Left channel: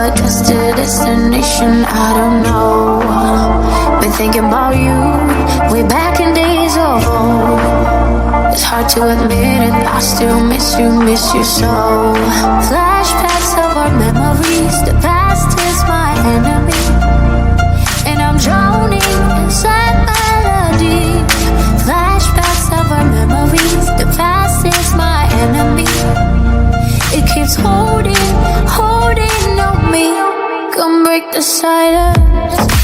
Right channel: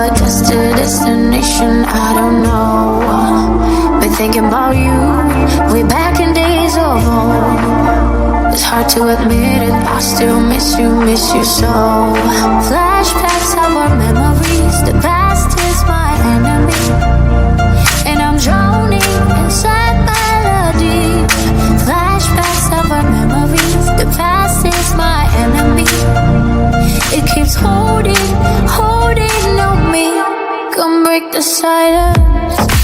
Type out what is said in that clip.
or just a destination, I don't know. Been thinking about you way back in days of old. It's hard to admit it, I still miss you so. Flashbacks of our memories, the past is my enemy, and I'm drowning inside melody. Flashbacks of our memories, the past is my enemy. It keeps holding on me. Come break the silence.